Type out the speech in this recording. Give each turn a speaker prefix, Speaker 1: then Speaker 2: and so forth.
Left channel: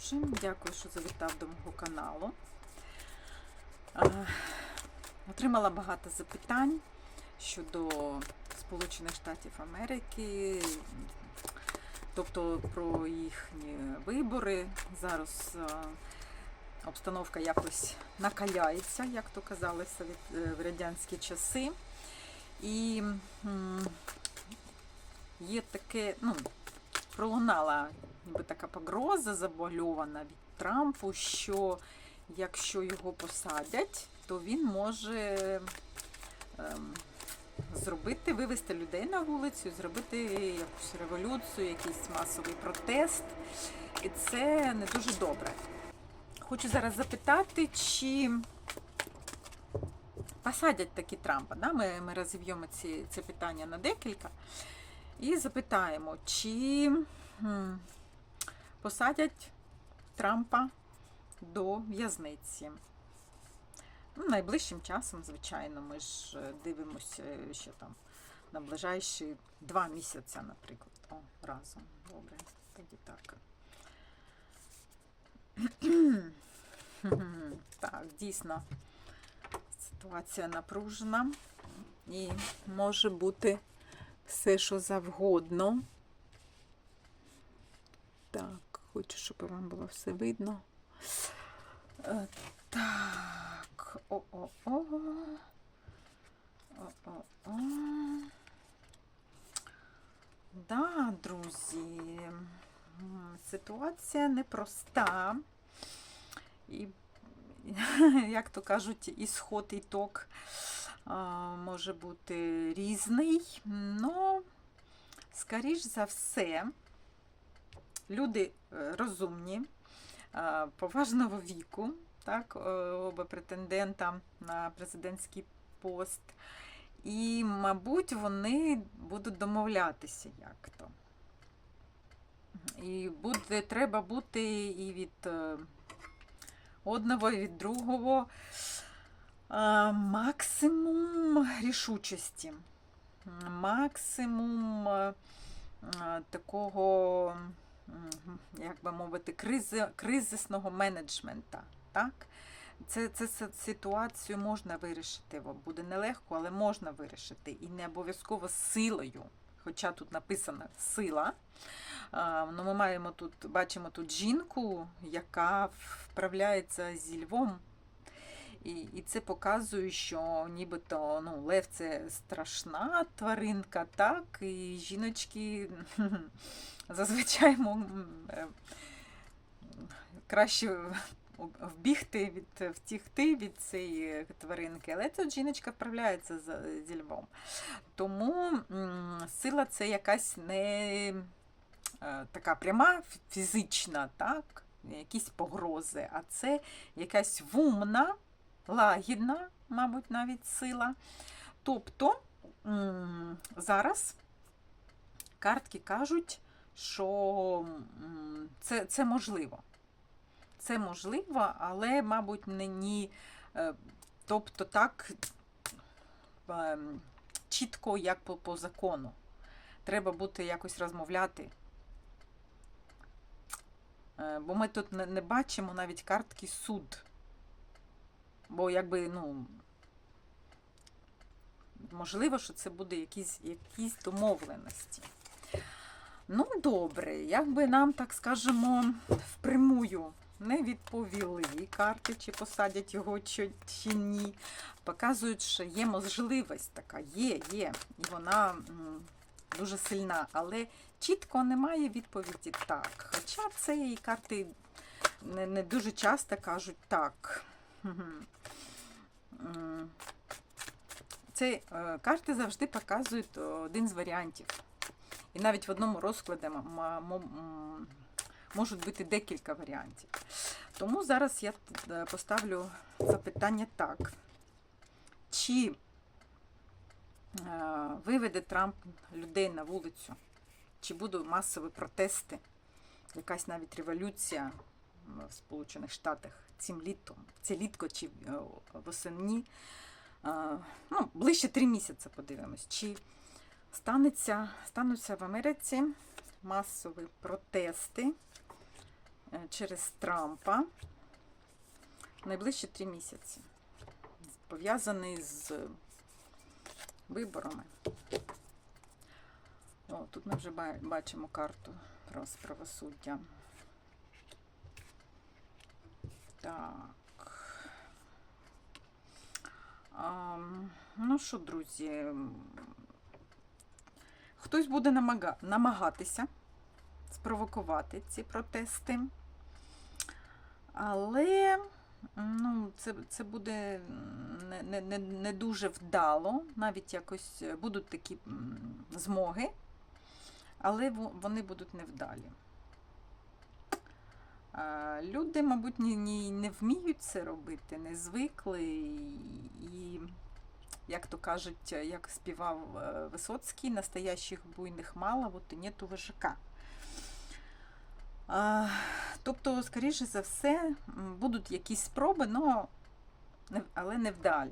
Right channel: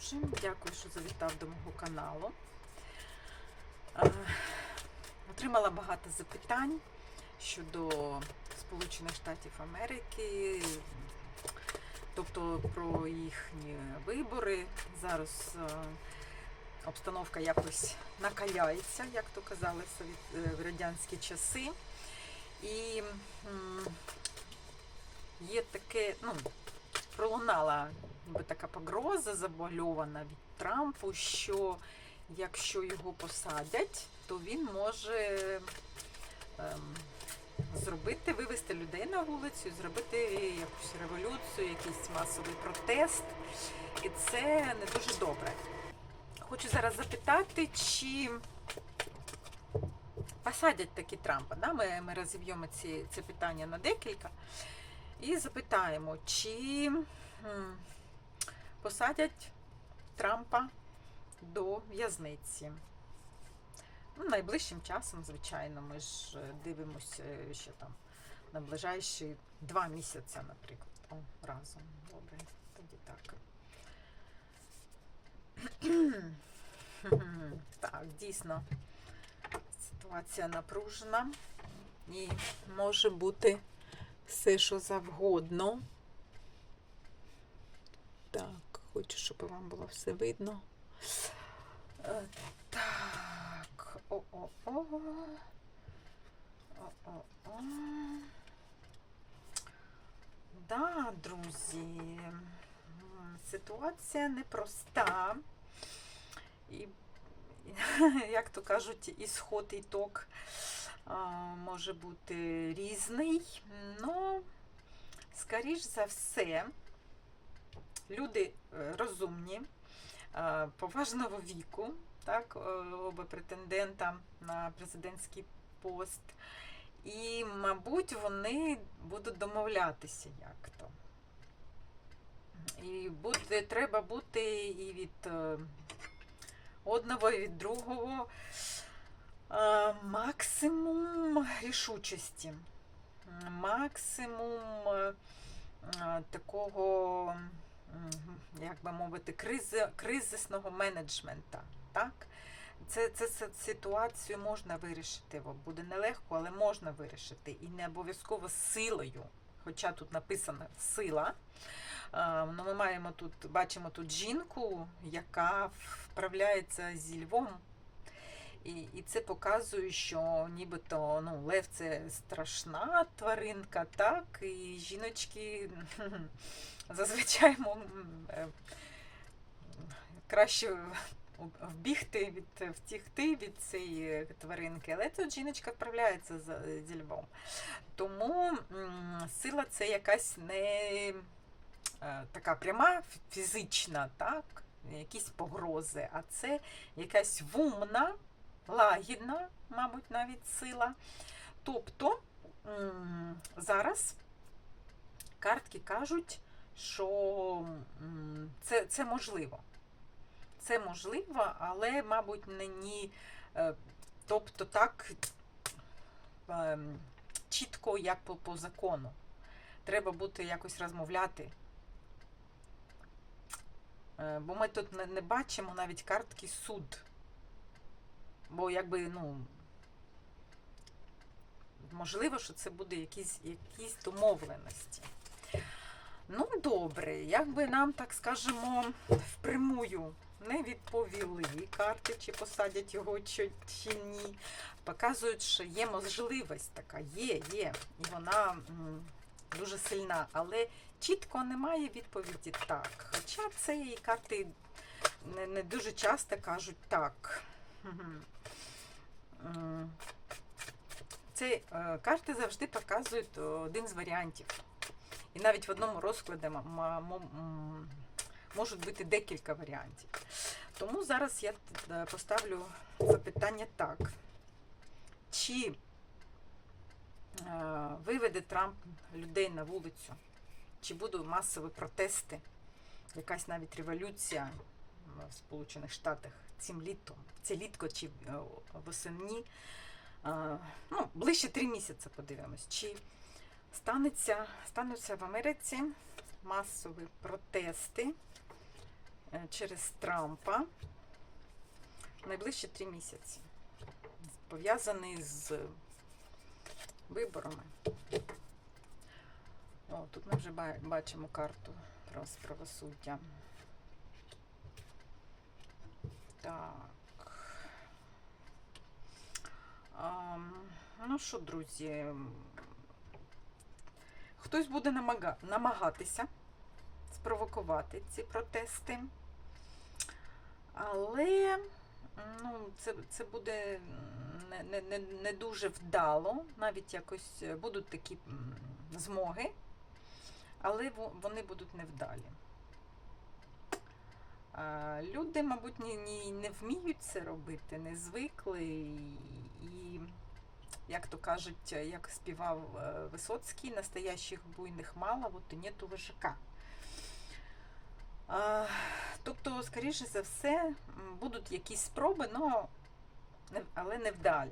Speaker 1: друже. Дякую, що завітав до мого каналу. Е, Отримала багато запитань щодо Сполучених Штатів Америки, тобто про їхні вибори. Зараз е, обстановка якось накаляється, як то казали совєт- е, в радянські часи. І є таке, ну, пролунала ніби така погроза забальована від Трампу, що якщо його посадять, то він може ем, зробити, вивести людей на вулицю, зробити якусь революцію, якийсь масовий протест. І це не дуже добре. Хочу зараз запитати, чи посадять таки Трампа. Да? Ми, ми розіб'ємо це питання на декілька. І запитаємо, чи посадять Трампа до в'язниці. Ну, найближчим часом, звичайно, ми ж е, дивимося е, ще там на ближайші два місяці, наприклад. О, разом. Добре, тоді так. Так, дійсно, ситуація напружена і може бути все, що завгодно. Так, хочу, щоб вам було все видно. Е, Так. О-о-о. О-о-о. Да, друзі. Ситуація непроста. І, як то кажуть, ісход і ток може бути різний. Ну, скоріш за все, люди е, розумні, е, поважного віку, так, е, оба претендента на президентський пост. І, мабуть, вони будуть домовлятися як-то. І буде, треба бути і від одного, і від другого максимум рішучості, максимум е, такого, як би мовити, кризи, кризисного менеджмента. Так? Це, це, це ситуацію можна вирішити. Буде нелегко, але можна вирішити. І не обов'язково силою. Хоча тут написано сила. Ну, ми маємо тут, бачимо тут жінку, яка вправляється зі львом. І, і це показує, що нібито ну, лев це страшна тваринка, так, і жіночки зазвичай е, краще вбігти від втікти від цієї тваринки, але тут жіночка вправляється зі львом. Тому сила це якась не е, така пряма фізична, так, якісь погрози, а це якась вумна, лагідна, мабуть, навіть сила. Тобто зараз картки кажуть, що це, це можливо. Це можливо, але, мабуть, не ні. е, Тобто так ем, чітко, як по, по закону. Треба бути якось розмовляти. Е, Бо ми тут не, не бачимо навіть картки суд. Бо якби, ну, можливо, що це буде якісь, якісь домовленості. Ну, добре, якби нам, так скажемо, впрямую не відповіли карти, чи посадять його чи, чи ні. Показують, що є можливість така, є, є. І вона м, дуже сильна, але чітко немає відповіді так. Хоча і карти не, не дуже часто кажуть так. Мгм. М, Це е, карти завжди показують один з варіантів. І навіть в одному розкладі можуть бути декілька варіантів. Тому зараз я е, поставлю запитання так. Чи е, виведе Трамп людей на вулицю? Чи будуть масові протести? Якась навіть революція в Сполучених Штатах цим літом, це літко чи е, восени? Е, Ну, ближче три місяці подивимось. Чи станеться, стануться в Америці масові протести? Е, через Трампа найближчі три місяці. Пов'язаний з виборами. О, тут ми вже бачимо карту про правосуддя. Так. А, ну що, друзі, хтось буде намага- намагатися спровокувати ці протести. Але ну, це, це буде не, не, не, не дуже вдало. Навіть якось будуть такі змоги, але вони будуть невдалі. Люди, мабуть, ні, не вміють це робити, не звикли. І, як то кажуть, як співав е, Висоцький, настоящих буйних мало, от і нету вожака. Тобто, скоріше за все, будуть якісь спроби, не- але невдалі.